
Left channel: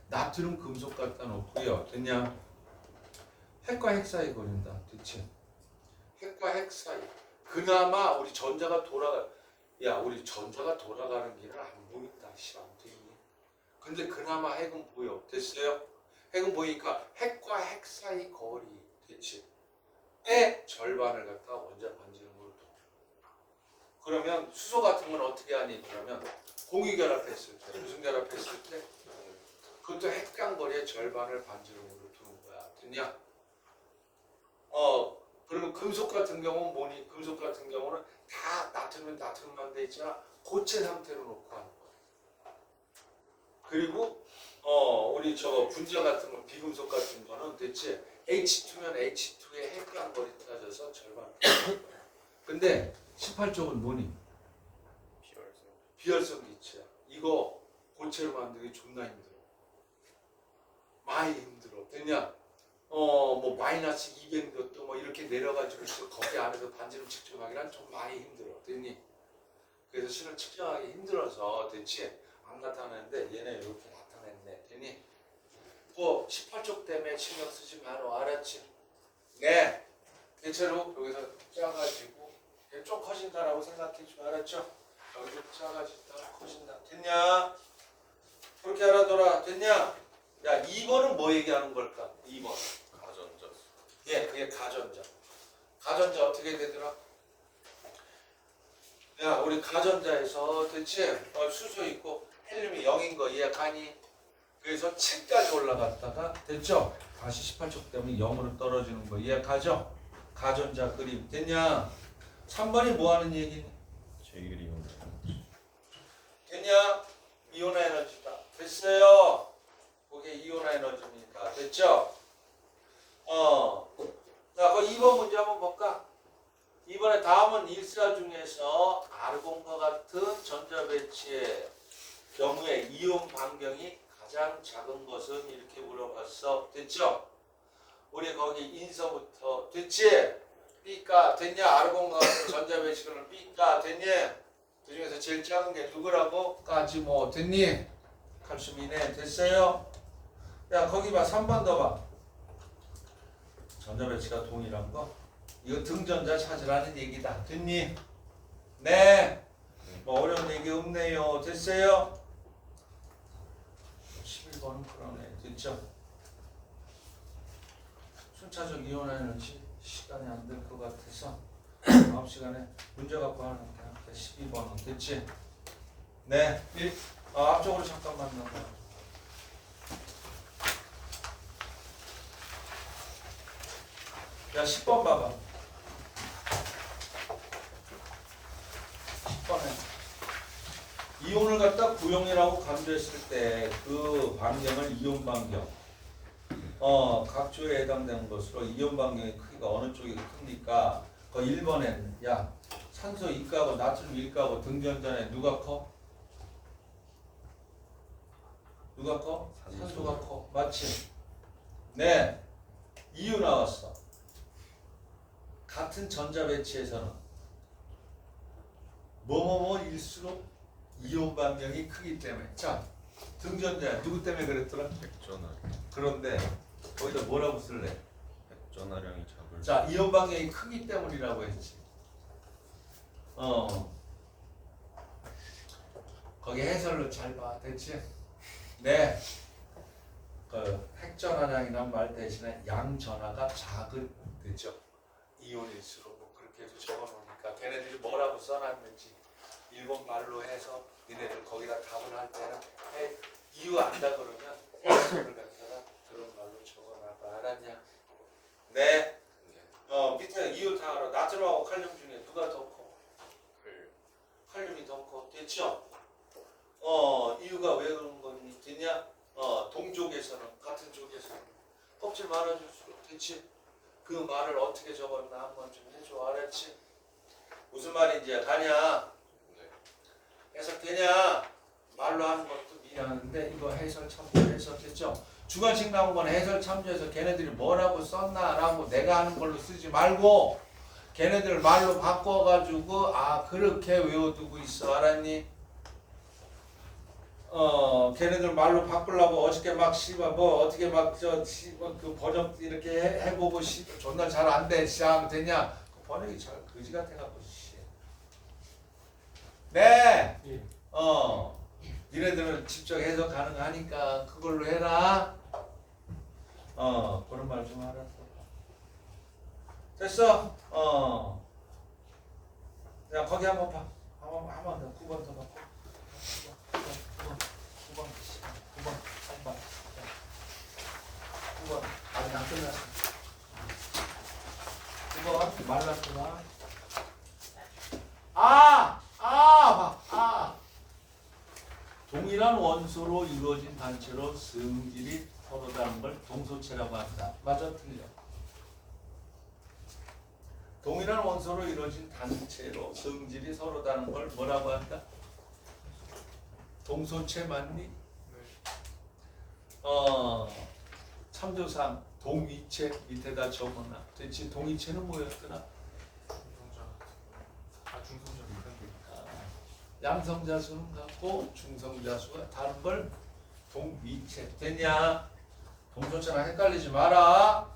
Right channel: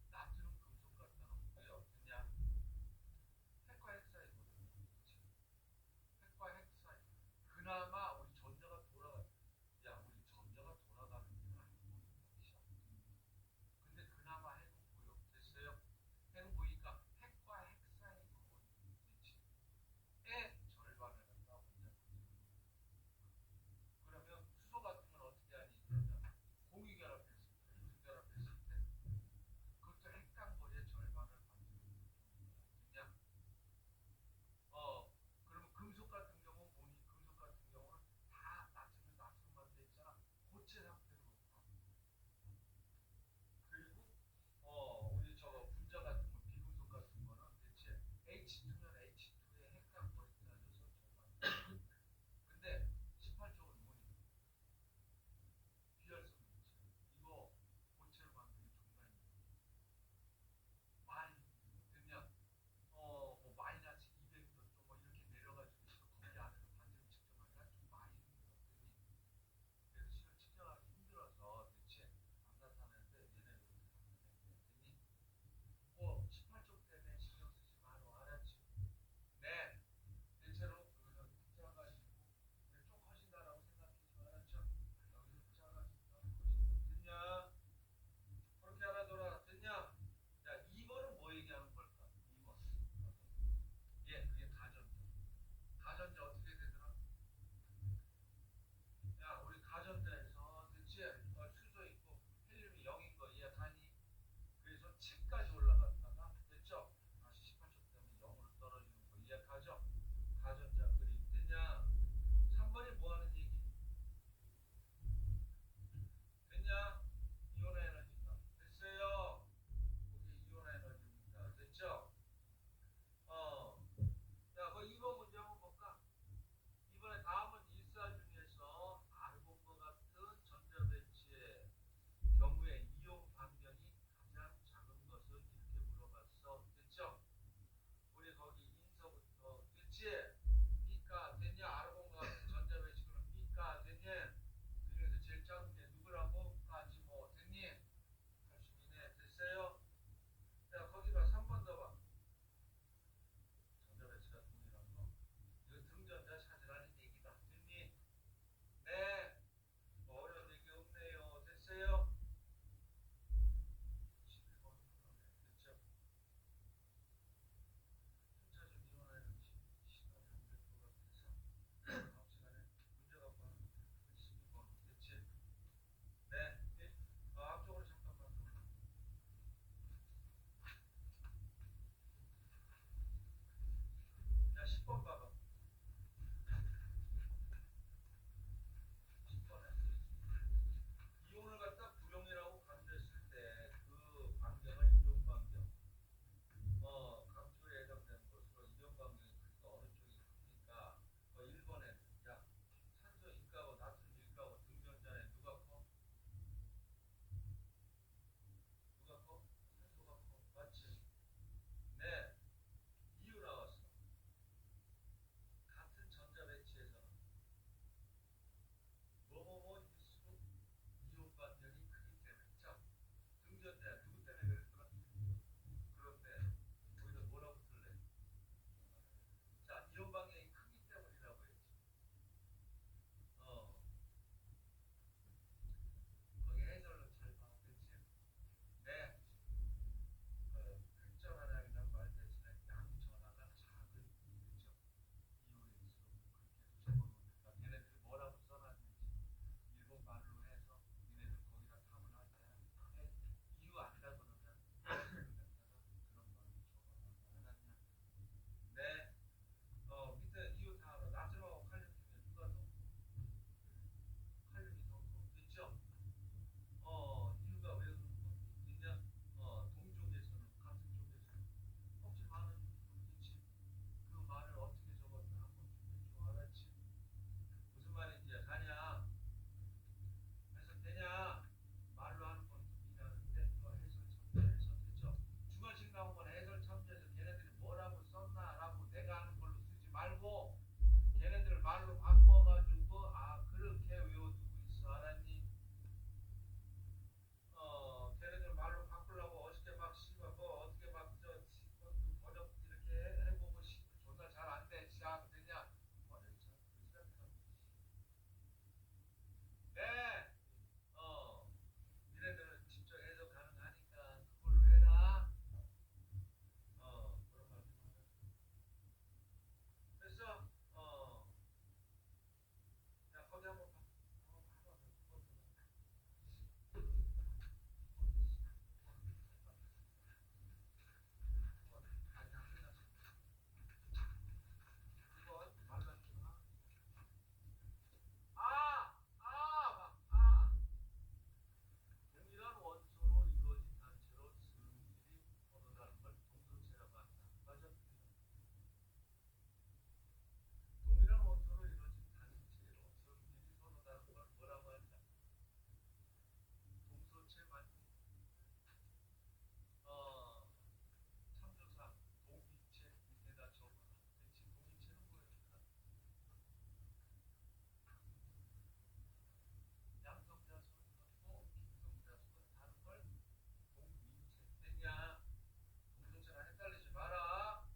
나트륨 금속 갖다 놓고요. 됐냐? 핵과 핵 사이 거린다. 됐지? 핵과 핵 사이. 그나마 우리 전자가 돌아가. 야, 우리 전자가 돌아가는 길을 안 보인다. 근데 그나마 핵은 보여. 됐어요? 핵은 보이니까 핵과 핵 사이 거리 대치의 절반을 갖다 원자 반지름으로 둬. 그러면 수소 같은 건 어떻게 하니? 그러면 공유 결합했을 때, 무슨 결합했을 때? 그것도 핵간거리의 절반을 반지름으로 두는 거야. 됐냐? 그러면 금속 같은 경우는 뭐니? 금속 같은 경우는 다 나트륨만 돼 있잖아. 고체 상태로 놓고 하는 거야. 그리고 우리 저 분자 같은 거, 비금속 같은 거는 대체 H2면 H2의 핵간거리 따져서 절반. 근데 18쪽은 뭐니? 비활성 기체야. 이거 고체로 만들기 존나 힘들어. 많이 힘들어. 됐냐? 뭐 마이너스 200몇 도 뭐 이렇게 내려가지고 거기 안에서 반지름 측정하기란 좀 많이 힘들어. 됐니? 그래서 실은 측정하기 힘들어서 대체 안 나타나는데 얘네 이렇게 나타냈네. 됐니? 뭐 18쪽 때문에 신경 쓰지 마라. 알았지? 네. 대체로 여기서 짜가지고 좀 커진다라고 생각해 줘. 알았죠? 여기서 작아진다, 커진다. 됐냐? 그렇게 알아둬라. 됐냐? 야, 2번은 뭐 얘기하는 걸까? 2번. 가전자. 예, 그게 가전자. 가전자 어떻게 되더라? 야, 우리 가전자에서 대체 수소 있고 헬륨이 0인 거 이해가니? 그래서 7까지 올라갔다가 됐죠? 다시 18쪽 때문에 0으로 떨어지는 거 이해가죠? 가전자 그림. 됐냐? 3번이 뭐 하는 얘기니? 제1이온. 됐냐? 이온 에너지다. 됐어요. 그게 이온 에너지입니다. 됐죠? 자, 그 2번 문제 한번 볼까? 이번에 다음은 일사 중에서 아르곤과 같은 전자 배치의 경우에 이온 반경이 가장 작은 것은 이렇게 물어봤어. 됐죠? 우리 거기 인서부터 됐지? B가 됐냐? 아르곤과 같은 전자 배치는 B가 됐니? 그 중에서 제일 작은 게 누구라고? 까지 뭐 됐니? 칼슘이네. 됐어요? 야, 거기 봐. 3번 더 봐. 전자 배치가 동일한 거? 이거 등전자 찾으라는 얘기다. 됐니? 네. 뭐 어려운 얘기 없네요. 됐어요? 11번은 그러네. 됐죠? 순차적 이온 에너지 시간이 안 될 것 같아서 다음 시간에 문제 갖고 하는 게 12번은 됐지? 네. 앞쪽으로 잠깐만 넘어가. 야, 10번 봐봐. 10번에 이온을 갖다 구용이라고 강조했을 때 그 반경을 이온 반경 각조에 해당되는 것으로 이온 반경의 크기가 어느 쪽이 크니까 그 1번에는 야 산소 이가하고 나트륨 일가하고 등전자에 누가 커? 누가 커? 산소가 커. 맞지? 네. 이유 나왔어. 같은 전자 배치에서는 뭐뭐뭐일수록 이온 반경이 크기 때문에. 자, 등전자 누구 때문에 그랬더라? 핵전화. 그런데 거기다 뭐라고 쓸래? 핵전화량이 작을. 자, 이온 반경이 크기 때문이라고 했지. 거기 해설로 잘 봐. 됐지? 네. 그 핵전화량이란 말 대신에 양전화가 작은 됐죠? 이온일수록 뭐 그렇게 해서 적어놓으니까 걔네들이 뭐라고 써놨는지 일본 말로 해서 니네들 거기다 답을 할 때는 이유 안다 그러면 해설을 갖다가 그런 말로 적어놔봐. 알았냐? 네. 밑에 이유 다 알아. 나트륨하고 칼륨 중에 누가 더 커? 칼륨이 더 커. 됐죠? 이유가 왜 그런 거니? 됐냐? 동족에서는 같은 쪽에서는 껍질 많아질수록 됐지? 그 말을 어떻게 적었나 한번 좀 해줘. 알았지? 무슨 말인지 가냐? 해석되냐? 말로 하는 것도 미안한데 이거 해설 참조해서 됐죠? 주관식 나온 건 해설 참조해서 걔네들이 뭐라고 썼나라고 내가 하는 걸로 쓰지 말고 걔네들 말로 바꿔가지고 그렇게 외워두고 있어. 알았니? 걔네들 말로 바꾸려고 어저께 막 씨발 뭐 어떻게 막 그 번역 이렇게 해보고 존나 잘 안 돼. 시작 됐냐? 그 번역이 잘 그지 같아갖고 씨. 네. 니네들은 직접 해석 가능하니까 그걸로 해라. 그런 말 좀 알았어. 됐어? 야 거기 한번 봐. 한번 더 9번 더 봐. 9번 아직 안 끝났어. 9번 말랐구나. 동일한 원소로 이루어진 단체로 성질이 서로 다른 걸 동소체라고 한다. 맞아, 틀려? 동일한 원소로 이루어진 단체로 성질이 서로 다른 걸 뭐라고 한다? 동소체 맞니? 참조상 동위체 밑에다 적어놔. 대체 동위체는 뭐였더라? 양성자수는 같고 중성자수가 다른 걸 동위체. 됐냐? 동소체랑 헷갈리지 마라.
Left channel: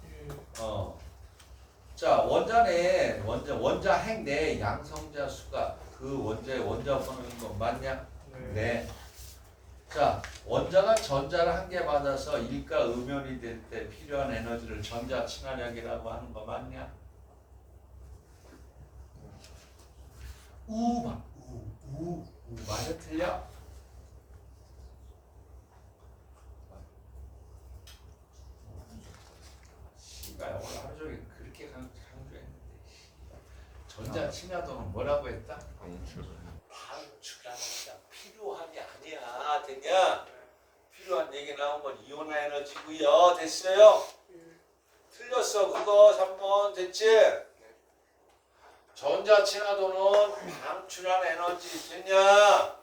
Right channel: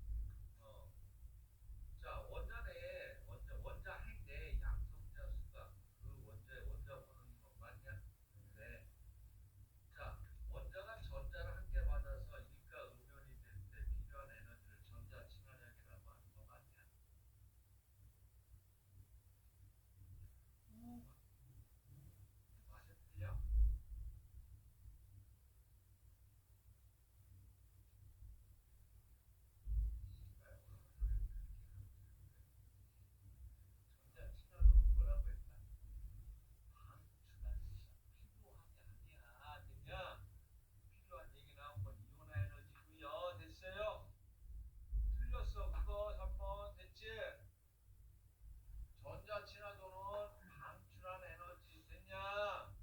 자, 원자내 원자핵 내 양성자수가 그 원자의 원자번호인 거 맞냐? 네. 자, 원자가 전자를 한 개 받아서 일가 음연이 될 때 필요한 에너지를 전자 친화력이라고 하는 거 맞냐? 우 맞아, 틀려? 씨발 오늘 하루 종일 그렇게 강조했는데 전자 친화도는 뭐라고 했다? 방출한다. 필요함이 아니야. 됐냐? 필요한 얘기 나온 건 이온화 에너지고요. 됐어요? 틀렸어. 그거 3번 됐지? 전자 친화도는 방출한 에너지. 됐냐?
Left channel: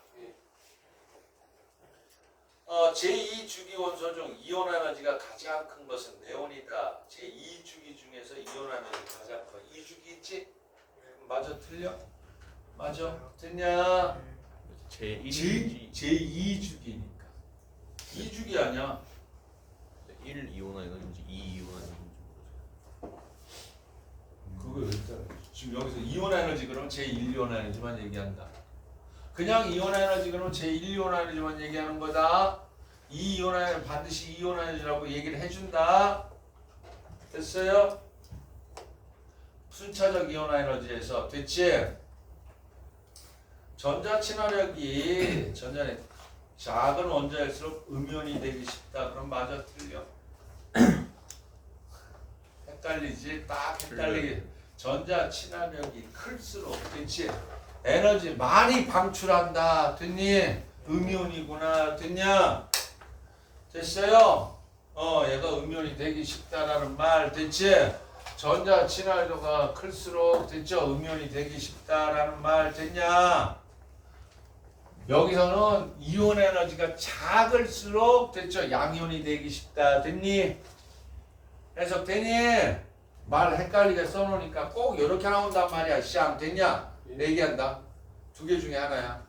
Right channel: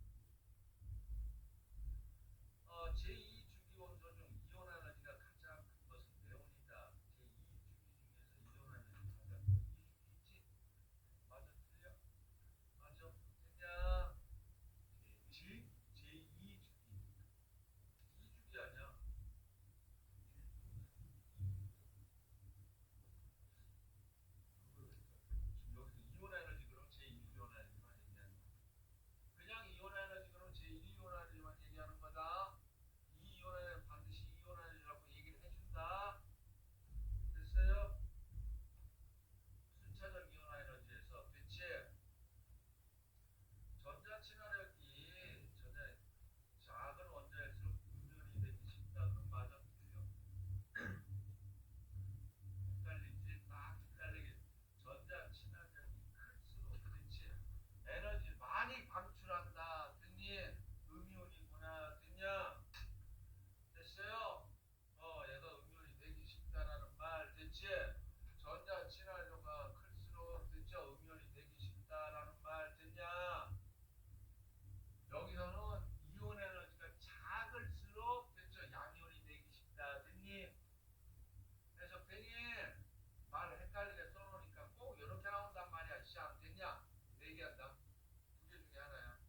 제2주기 원소 중 이온 에너지가 가장 큰 것은 네온이다. 제2주기 중에서 이온 에너지가 가장 커. 2주기 있지? 맞아, 틀려? 맞아, 됐냐? 제2주기니까 2주기 아니야. 1 이온화 에너지인지 2 이온화 에너지인지 그거 일단 지금 여기서 이온 에너지 그러면 제1 이온 에너지만 얘기한다. 그냥 이온 에너지 그러면 제1 이온 에너지만 얘기하는 거다. 2 이온 에너지 반드시 2 이온 에너지라고 얘기를 해준다. 됐어요? 순차적 이온화 에너지에서 됐지? 전자 친화력이 전자의 작은 원자일수록 음연이 되기 쉽다. 그럼 맞아, 틀려? 헷갈리지? 딱 헷갈리게. 전자 친화력이 클수록 됐지? 에너지 많이 방출한다. 됐니? 음이온이구나. 됐냐? 됐어요? 얘가 음이온이 되기 쉽다라는 말 됐지? 전자 친화도가 클수록 됐죠? 음이온이 되기 쉽다라는 말 됐냐? 여기서는 이온 에너지가 작을수록 됐죠? 양이온이 되기 쉽다. 됐니? 해석되니? 말 헷갈리게 써놓으니까 꼭 이렇게 나온단 말이야. 시험 됐냐? 얘기한다. 두 개 중에 하나야.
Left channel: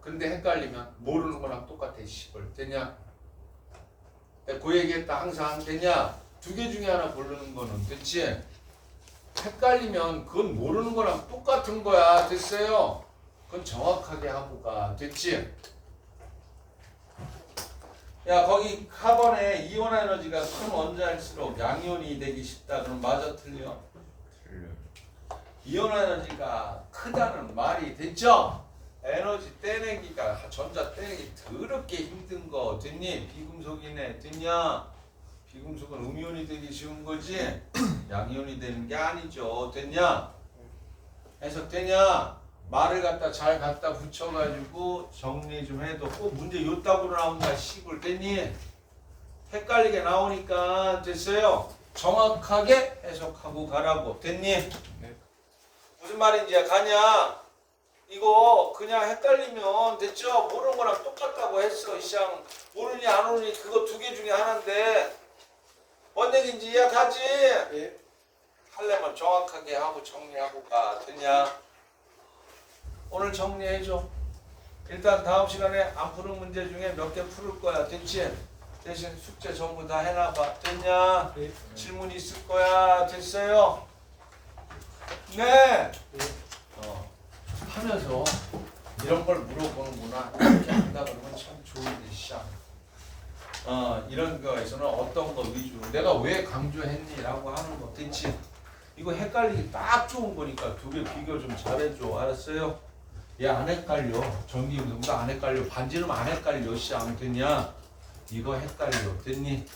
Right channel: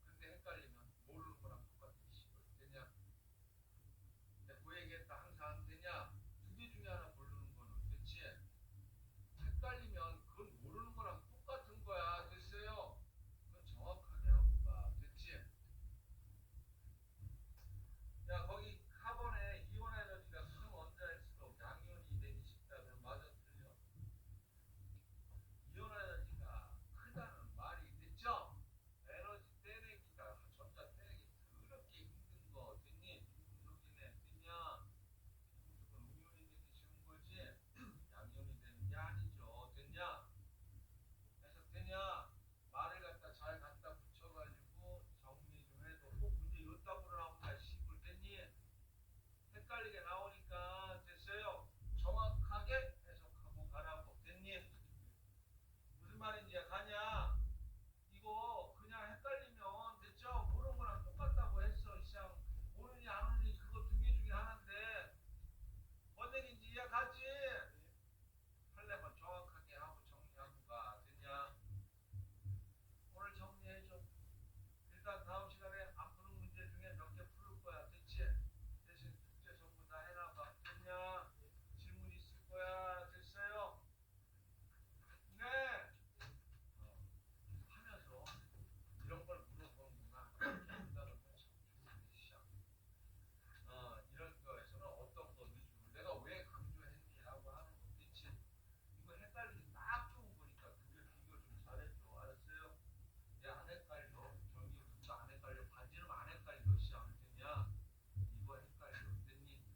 근데 헷갈리면 모르는 거랑 똑같아. 시벌 됐냐? 그 얘기했다. 항상 됐냐? 두 개 중에 하나 고르는 거는 됐지? 헷갈리면 그건 모르는 거랑 똑같은 거야. 됐어요? 그건 정확하게 하고 가. 됐지? 야, 거기 카본에 이온 에너지가 큰 원자일수록 양이온이 되기 쉽다. 그럼 맞아, 틀려? 이온 에너지가 크다는 말이 됐죠? 에너지 떼내기가 전자 떼내기 더럽게 힘든 거 됐니? 비금속이네. 됐냐? 비금속은 음이온이 되기 쉬운 거지 양이온이 되는 게 아니죠. 됐냐? 해석되냐? 말을 잘 갖다 붙여가지고 정리 좀 해도 꼭 문제 요따구로 나온다. 시골 됐니? 헷갈리게 나오니까 됐어요? 정확하게 해석하고 가라고. 됐니? 네. 무슨 말인지 가냐? 이거 그냥 헷갈리면 됐죠? 모르는 거랑 똑같다고 했어. 시장 모르니 안 오르니 그거 두 개 중에 하나인데 뭔 얘기인지 이해하지? 예. 하려면 정확하게 하고 정리하고 가. 됐냐? 오늘 정리해줘. 일단 다음 시간에 안 푸는 문제 중에 몇 개 풀을 거야. 됐지? 대신 숙제 전부 다 해놔봐. 됐냐? 네. 질문 있을 거야. 됐어요? 네. 하면서 이런 걸 물어보는구나. 이렇게 한다 그러면 참 이런 거에서는 어떤 거 위주로 내가 왜 강조했니라고 하는 거 됐지? 이거 헷갈리기 딱 좋은 거니까 두 개 비교 좀 잘해줘. 알았어요? 얘 안 헷갈려. 전기운동도 안 헷갈려. 반지름 안 헷갈려. 씨, 안 됐냐? 이거 헷갈려. 됐니?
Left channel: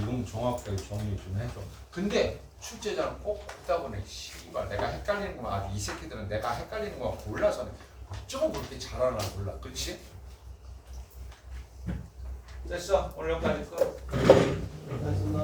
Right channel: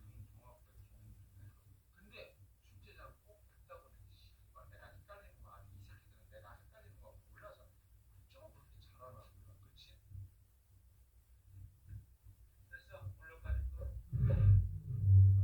이건 정확하게 정리 좀 해줘. 근데 출제자는 꼭 듣다 보네. 씨발 내가 헷갈리는 거만 아주 이 새끼들은 내가 헷갈리는 거만 골라서 어쩌고 그렇게 잘하나 몰라. 그렇지? 됐어. 오늘 여기까지 끝. 알겠습니다.